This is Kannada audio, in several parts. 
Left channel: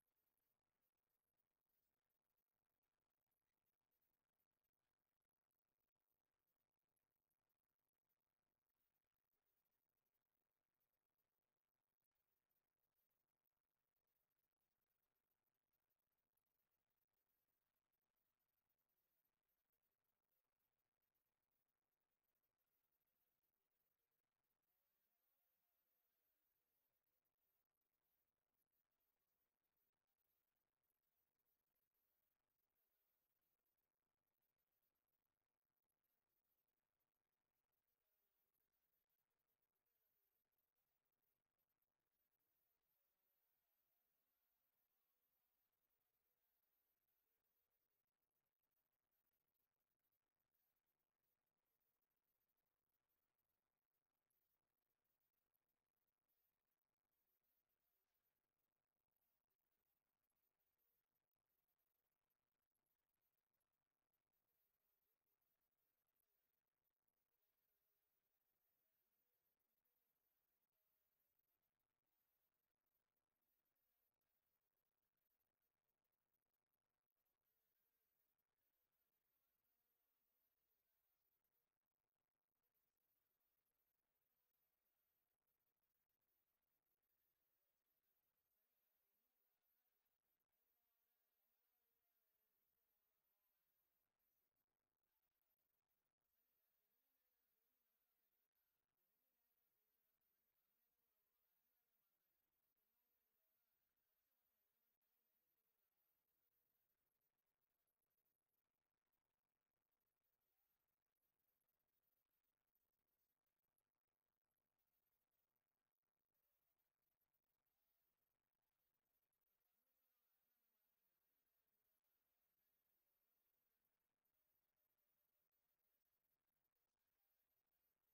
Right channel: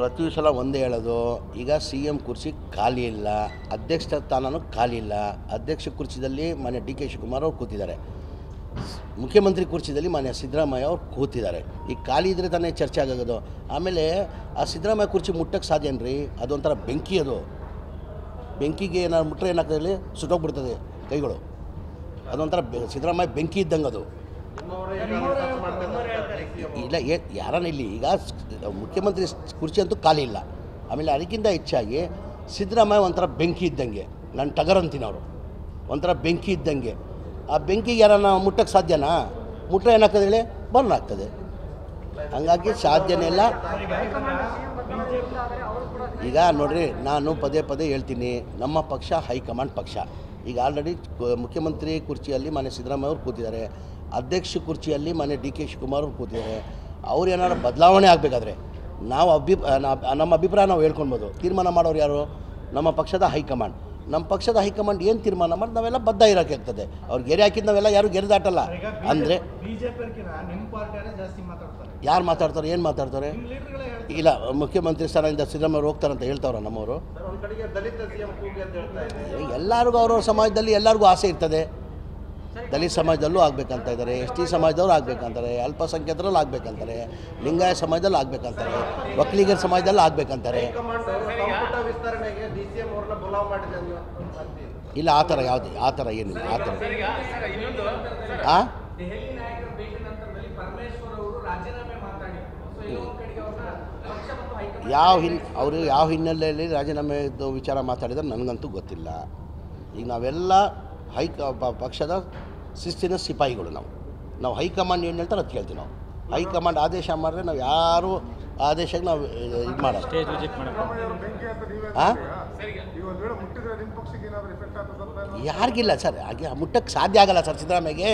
ಪ್ರತಿ ಸಲ ಒಂದೇ ಹೇಳೋದು, ಈಗ CM ಕುರ್ಚಿ ಖಾಲಿ ಇಲ್ಲ, ಅಧ್ಯಕ್ಷ ಸ್ಥಾನನೂ ಖಾಲಿ ಇಲ್ಲ. ಅಧ್ಯಕ್ಷ ಕುರ್ಚಿದಲ್ಲಿ ಮಾನ್ಯ DK ಶಿವಕುಮಾರ್ ಅವರು ಕೂತಿದ್ದಾರೆ, ಮುಖ್ಯಮಂತ್ರಿ ಕುರ್ಚಿದಲ್ಲಿ ಮಾನ್ಯ ಸಿದ್ದರಾಮಯ್ಯ ಅವರು ಕೂತಿದ್ದಾರೆ. ಈಗ ಖಾಲಿ ಇದ್ದರೆ ತಾನೇ ಚರ್ಚೆ ಆಗೋದು. ಆಮೇಲೆ ಆ ಸಿದ್ದರಾಮಯ್ಯ ಕುರ್ಚಿ ಮುಟ್ಟಕ್ಕೆ ಸಾಧ್ಯನ್ರಿ? ಅದೊಂಥರ ಬೆಂಕಿ, ಅದು ಬೆಂಕಿಗೆ ಏನಾದ್ರು ಮುಟ್ಟರೆ ಏನಾಗ್ತದೆ, ಸುಟ್ಟೋಗ್ಬಿಡ್ತದೆ ಕೈಗಳು. ಅದೊಂಥರ ಸಿದ್ದರಾಮಯ್ಯ ಬೆಂಕಿ ಇದ್ದಂಗೆ ಅದು. ಇಲ್ಲ ಯಾರನ್ನ ಇಲ್ಲಿ ಈಗ ಮುಖ್ಯಮಂತ್ರಿ ಕುರ್ಚಿ ಅಂತೂ ಖಾಲಿ ಇಲ್ಲ. ಆಮೇಲೆ ಅದಕ್ಕಿಂತ ಹೆಚ್ಚಾಗಿ ಸಿದ್ದರಾಮಯ್ಯ ಒಂಥರ ಬೆಂಕಿ ಇದ್ದಂಗೆ, ನಾನು ಟಗರ್ ಅಂತೀನಿ, ಅವರು ಒಂಥರ ಬೆಂಕಿ ಇದ್ದಂಗೆ. ಆ ಬೆಂಕಿಗೆ ಯಾರನ್ನ ಮುಟ್ಟಕ್ಕೆ ಸಾಧ್ಯನಾ? ಮುಟ್ಟರೆ ಏನಾಗ್ತದೆ ಹೇಳಿ, ಬರ್ನ್ ಆಗ್ತದೆ. ಹಂಗಾಗಿ ಸಾಧ್ಯನೇ ಇಲ್ಲ. ಈಗ ನೋಡ್ರಿ, ನಾನು ಪದೇ ಪದೇ ಹೇಳ್ತೀನಿ, ನಮ್ಮ ಪಕ್ಷ ಹೈಕಮಾಂಡ್ ಪಕ್ಷ. ಈಗ ಆಲ್ರೆಡಿ ಮುಖ್ಯಮಂತ್ರಿ ಕುರ್ಚಿಯಲ್ಲಿ ಮಾನ್ಯ ಸಿದ್ದರಾಮಯ್ಯ ಅವರು ಕೂತಿದ್ದಾರೆ, ಅಧ್ಯಕ್ಷ ಕುರ್ಚಿಯಲ್ಲಿ ಮಾನ್ಯ DK ಶಿವಕುಮಾರ್ ಅವರು ಕೂತಿದ್ದಾರೆ. ಅವ್ರು ಏನಾದ್ರು ಬದಲಾವಣೆ ಆಗಬೇಕಾದ್ರೆ ನಾವು ನಮ್ಮ ಅಭಿಪ್ರಾಯ ನಾವು ಹೇಳ್ಕೊಳ್ಬೋದು. ತೀರ್ಮಾನ ಮಾಡೋರು ಯಾರು? ನಮ್ಮ ಪಕ್ಷದ ಹೈಕಮಾಂಡ್. ನಮ್ಮ ಪಕ್ಷದ ಹೈಕಮಾಂಡ್ ಏನು ತೀರ್ಮಾನ ಮಾಡಿ ನಾವೆಲ್ಲ ಬದ್ಧ ಇರೋಕೆ ಆಗ್ತದೆ. ಅವ್ರು ಗೆರೆ ಹಾಕಿದ್ದು ನಾವೆಲ್ಲ ಯಾರು ಗೆರೆ ದಾಟಲ್ಲ. ಅಂದರೆ ಯಾರು ಮಾತಾಡ್ತಾರೆ, ಏನು ಮಾತಾಡ್ತಾರೆ? ಇಲ್ಲ, ಮುಖ್ಯಮಂತ್ರಿ ಸ್ಥಾನದಿಂದ ಸಿದ್ದರಾಮಯ್ಯ ಹೋಗ್ತಾರಂತ ಹೇಳ್ತಾವ್ರ ನಮ್ಮವರು. ಎಲ್ಲರಿಗೂ ಅವ್ರವ್ರ ಸಮಾಜದಲ್ಲಿ ಎಲ್ಲರಿಗೂ ಆಸೆ ಇರ್ತದೆ. ದಲಿತ ಸಮಾಜದಲ್ಲೂ ಆಗಬೇಕಂತ ಇದ್ದಾರೆ, ST ಸಮಾಜದವ್ರು ಆಗಬೇಕಂತಾರೆ, ಅಲ್ಪಸಂಖ್ಯಾತರಲ್ಲಿ ಆಗಬೇಕಂತಾರೆ, ಲಿಂಗಾಯತ ಸಮಾಜದಲ್ಲಿ ಆಗಬೇಕಂತಾರೆ, ಒಕ್ಕಲಿಗರ ಸಮಾಜದಲ್ಲಿ ಆಗಬೇಕಂತಾರೆ. ಇಲ್ಲ, ಆ ಥರ ಯಾವುದು, ಆ ಥರ ಏನಿಲ್ಲ. ಆ ಥರ ಅವರು ಯಾವ ಹಿನ್ನೆಲೆಯಲ್ಲಿ ರಾಜೀನಾಮೆ ವಿಚಾರ ಮಾತಾಡಿದ್ರೆ ನನಗಂತೂ ಗೊತ್ತಿಲ್ಲ. ಈಗ ನಾವೆಲ್ಲ ಪಕ್ಷದ ಶಿಸ್ತಿನ ಸಿಪಾಯಿಗಳು. ನಾವು ಹೈಕಮಾಂಡ್ ಏನು ಹೇಳ್ತಾರೆ ಅದು ಕೇಳ್ತೀವಿ. ನಾವು ಹೈಕಮಾಂಡ್ ಆದೇಶ ಮಾಡಿದ್ರೆ ನಾವು ಯಾರು ಆದೇಶಕ್ಕೆ ನಾವು ಇದು ಮಾಡೋದು. ಯಾರಿಗಿಲ್ಲ ಸರ್, ಹಾಗೆ ಮುಟ್ಟಕ್ಕೆ ಸಾಧ್ಯ ಆಗಲ್ಲ ಸರ್. ಸಿದ್ದರಾಮಯ್ಯಗೆ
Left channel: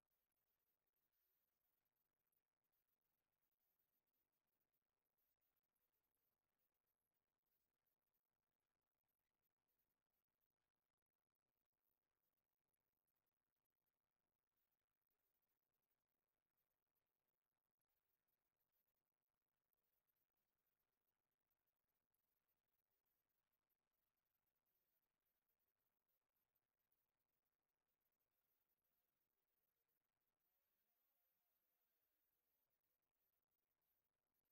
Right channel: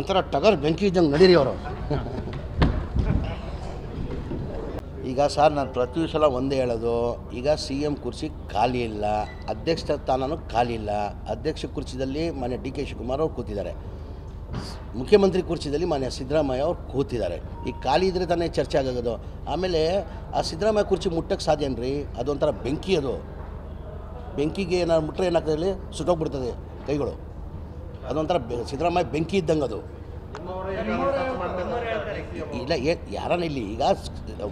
ಒಂಥರ ಟಗರ್ ಬೆಂಕಿ ಇದ್ದಂಗೆ ನಡೀರಿ ಅವರು. ಈಗ ಸರ್, ನಾನು ಪ್ರತಿ ಸಲ ಒಂದೇ ಹೇಳೋದು, ಈಗ CM ಕುರ್ಚಿ ಖಾಲಿ ಇಲ್ಲ, ಅಧ್ಯಕ್ಷ ಸ್ಥಾನನೂ ಖಾಲಿ ಇಲ್ಲ. ಅಧ್ಯಕ್ಷ ಕುರ್ಚಿದಲ್ಲಿ ಮಾನ್ಯ DK ಶಿವಕುಮಾರ್ ಅವರು ಕೂತಿದ್ದಾರೆ, ಮುಖ್ಯಮಂತ್ರಿ ಕುರ್ಚಿದಲ್ಲಿ ಮಾನ್ಯ ಸಿದ್ದರಾಮಯ್ಯ ಅವರು ಕೂತಿದ್ದಾರೆ. ಈಗ ಖಾಲಿ ಇದ್ದರೆ ತಾನೇ ಚರ್ಚೆ ಆಗೋದು. ಆಮೇಲೆ ಆ ಸಿದ್ದರಾಮಯ್ಯ ಕುರ್ಚಿ ಮುಟ್ಟಕ್ಕೆ ಸಾಧ್ಯನ್ರಿ? ಅದೊಂಥರ ಬೆಂಕಿ, ಅದು ಬೆಂಕಿಗೆ ಏನಾದ್ರು ಮುಟ್ಟರೆ ಏನಾಗ್ತದೆ, ಸುಟ್ಟೋಗ್ಬಿಡ್ತದೆ ಕೈಗಳು. ಅದೊಂಥರ ಸಿದ್ದರಾಮಯ್ಯ ಬೆಂಕಿ ಇದ್ದಂಗೆ ಅದು. ಇಲ್ಲ ಯಾರನ್ನ ಇಲ್ಲಿ ಈಗ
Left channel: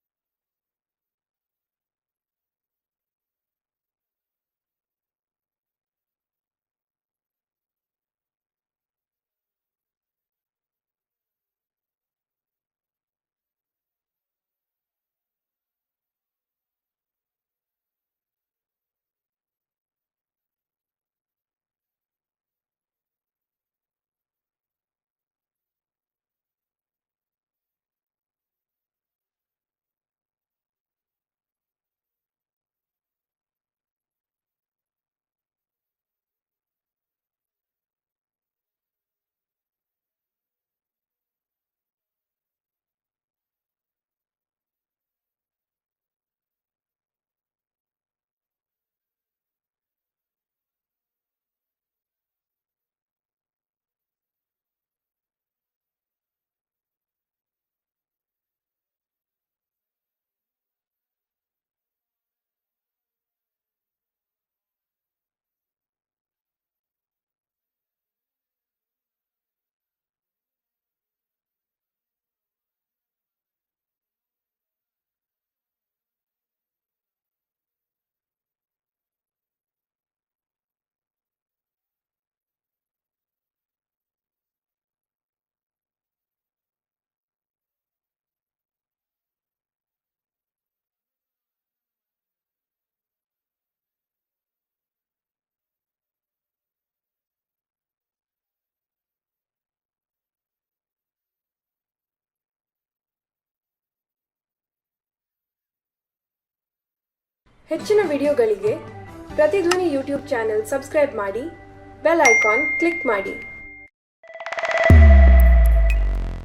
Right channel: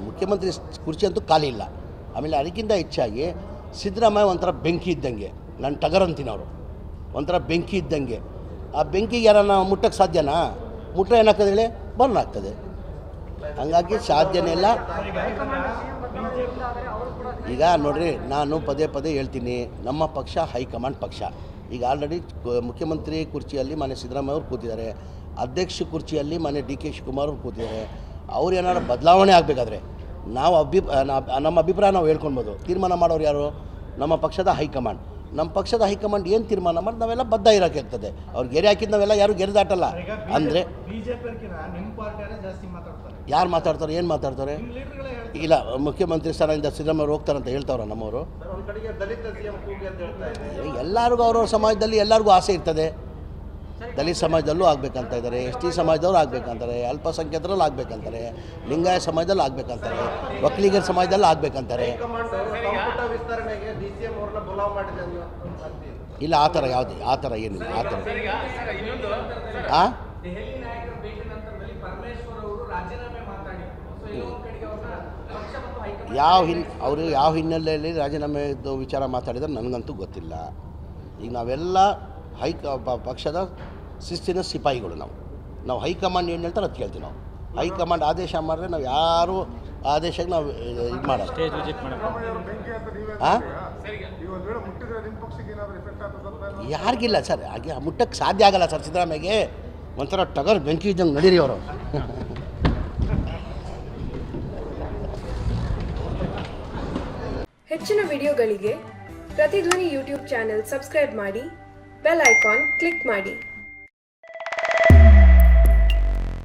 ಮುಖ್ಯಮಂತ್ರಿ ಕುರ್ಚಿ ಅಂತೂ ಖಾಲಿ ಇಲ್ಲ. ಆಮೇಲೆ ಅದಕ್ಕಿಂತ ಹೆಚ್ಚಾಗಿ ಸಿದ್ದರಾಮಯ್ಯ ಒಂಥರ ಬೆಂಕಿ ಇದ್ದಂಗೆ, ನಾನು ಟಗರ್ ಅಂತೀನಿ, ಅವರು ಒಂಥರ ಬೆಂಕಿ ಇದ್ದಂಗೆ. ಆ ಬೆಂಕಿಗೆ ಯಾರನ್ನ ಮುಟ್ಟಕ್ಕೆ ಸಾಧ್ಯನಾ? ಮುಟ್ಟರೆ ಏನಾಗ್ತದೆ ಹೇಳಿ, ಬರ್ನ್ ಆಗ್ತದೆ. ಹಂಗಾಗಿ ಸಾಧ್ಯನೇ ಇಲ್ಲ. ಈಗ ನೋಡ್ರಿ, ನಾನು ಪದೇ ಪದೇ ಹೇಳ್ತೀನಿ, ನಮ್ಮ ಪಕ್ಷ ಹೈಕಮಾಂಡ್ ಪಕ್ಷ. ಈಗ ಆಲ್ರೆಡಿ ಮುಖ್ಯಮಂತ್ರಿ ಕುರ್ಚಿಯಲ್ಲಿ ಮಾನ್ಯ ಸಿದ್ದರಾಮಯ್ಯ ಅವರು ಕೂತಿದ್ದಾರೆ, ಅಧ್ಯಕ್ಷ ಕುರ್ಚಿಯಲ್ಲಿ ಮಾನ್ಯ DK ಶಿವಕುಮಾರ್ ಅವರು ಕೂತಿದ್ದಾರೆ. ಅವ್ರು ಏನಾದ್ರು ಬದಲಾವಣೆ ಆಗಬೇಕಾದ್ರೆ ನಾವು ನಮ್ಮ ಅಭಿಪ್ರಾಯ ನಾವು ಹೇಳ್ಕೊಳ್ಬೋದು. ತೀರ್ಮಾನ ಮಾಡೋರು ಯಾರು? ನಮ್ಮ ಪಕ್ಷದ ಹೈಕಮಾಂಡ್. ನಮ್ಮ ಪಕ್ಷದ ಹೈಕಮಾಂಡ್ ಏನು ತೀರ್ಮಾನ ಮಾಡಿ ನಾವೆಲ್ಲ ಬದ್ಧ ಇರೋಕೆ ಆಗ್ತದೆ. ಅವ್ರು ಗೆರೆ ಹಾಕಿದ್ದು ನಾವೆಲ್ಲ ಯಾರು ಗೆರೆ ದಾಟಲ್ಲ. ಅಂದರೆ ಯಾರು ಮಾತಾಡ್ತಾರೆ, ಏನು ಮಾತಾಡ್ತಾರೆ? ಇಲ್ಲ, ಮುಖ್ಯಮಂತ್ರಿ ಸ್ಥಾನದಿಂದ ಸಿದ್ದರಾಮಯ್ಯ ಹೋಗ್ತಾರಂತ ಹೇಳ್ತಾವ್ರ ನಮ್ಮವರು. ಎಲ್ಲರಿಗೂ ಅವ್ರವ್ರ ಸಮಾಜದಲ್ಲಿ ಎಲ್ಲರಿಗೂ ಆಸೆ ಇರ್ತದೆ. ದಲಿತ ಸಮಾಜದಲ್ಲೂ ಆಗಬೇಕಂತ ಇದ್ದಾರೆ, ST ಸಮಾಜದವ್ರು ಆಗಬೇಕಂತಾರೆ, ಅಲ್ಪಸಂಖ್ಯಾತರಲ್ಲಿ ಆಗಬೇಕಂತಾರೆ, ಲಿಂಗಾಯತ ಸಮಾಜದಲ್ಲಿ ಆಗಬೇಕಂತಾರೆ, ಒಕ್ಕಲಿಗರ ಸಮಾಜದಲ್ಲಿ ಆಗಬೇಕಂತಾರೆ. ಇಲ್ಲ, ಆ ಥರ ಯಾವುದು, ಆ ಥರ ಏನಿಲ್ಲ. ಆ ಥರ ಅವರು ಯಾವ ಹಿನ್ನೆಲೆಯಲ್ಲಿ ರಾಜೀನಾಮೆ ವಿಚಾರ ಮಾತಾಡಿದ್ರೆ ನನಗಂತೂ ಗೊತ್ತಿಲ್ಲ. ಈಗ ನಾವೆಲ್ಲ ಪಕ್ಷದ ಶಿಸ್ತಿನ ಸಿಪಾಯಿಗಳು. ನಾವು ಹೈಕಮಾಂಡ್ ಏನು ಹೇಳ್ತಾರೆ ಅದು ಕೇಳ್ತೀವಿ. ನಾವು ಹೈಕಮಾಂಡ್ ಆದೇಶ ಮಾಡಿದ್ರೆ ನಾವು ಯಾರು ಆದೇಶಕ್ಕೆ ನಾವು ಇದು ಮಾಡೋದು. ಯಾರಿಗಿಲ್ಲ ಸರ್, ಹಾಗೆ ಮುಟ್ಟಕ್ಕೆ ಸಾಧ್ಯ ಆಗಲ್ಲ ಸರ್. ಸಿದ್ದರಾಮಯ್ಯಗೆ ಒಂಥರ ಟಗರ್ ಬೆಂಕಿ ಇದ್ದಂಗೆ ನಡೀರಿ ಅವರು. ಹೆಚ್ಚಿನ ವಿಡಿಯೋಗಳಿಗೆ ಪ್ರತಿಧ್ವನಿ YouTube ಚಾನೆಲ್ ಸಬ್ಸ್ಕ್ರೈಬ್ ಮಾಡಿ, ಬೆಲ್ ಐಕಾನ್ ಕ್ಲಿಕ್ ಮಾಡಿ.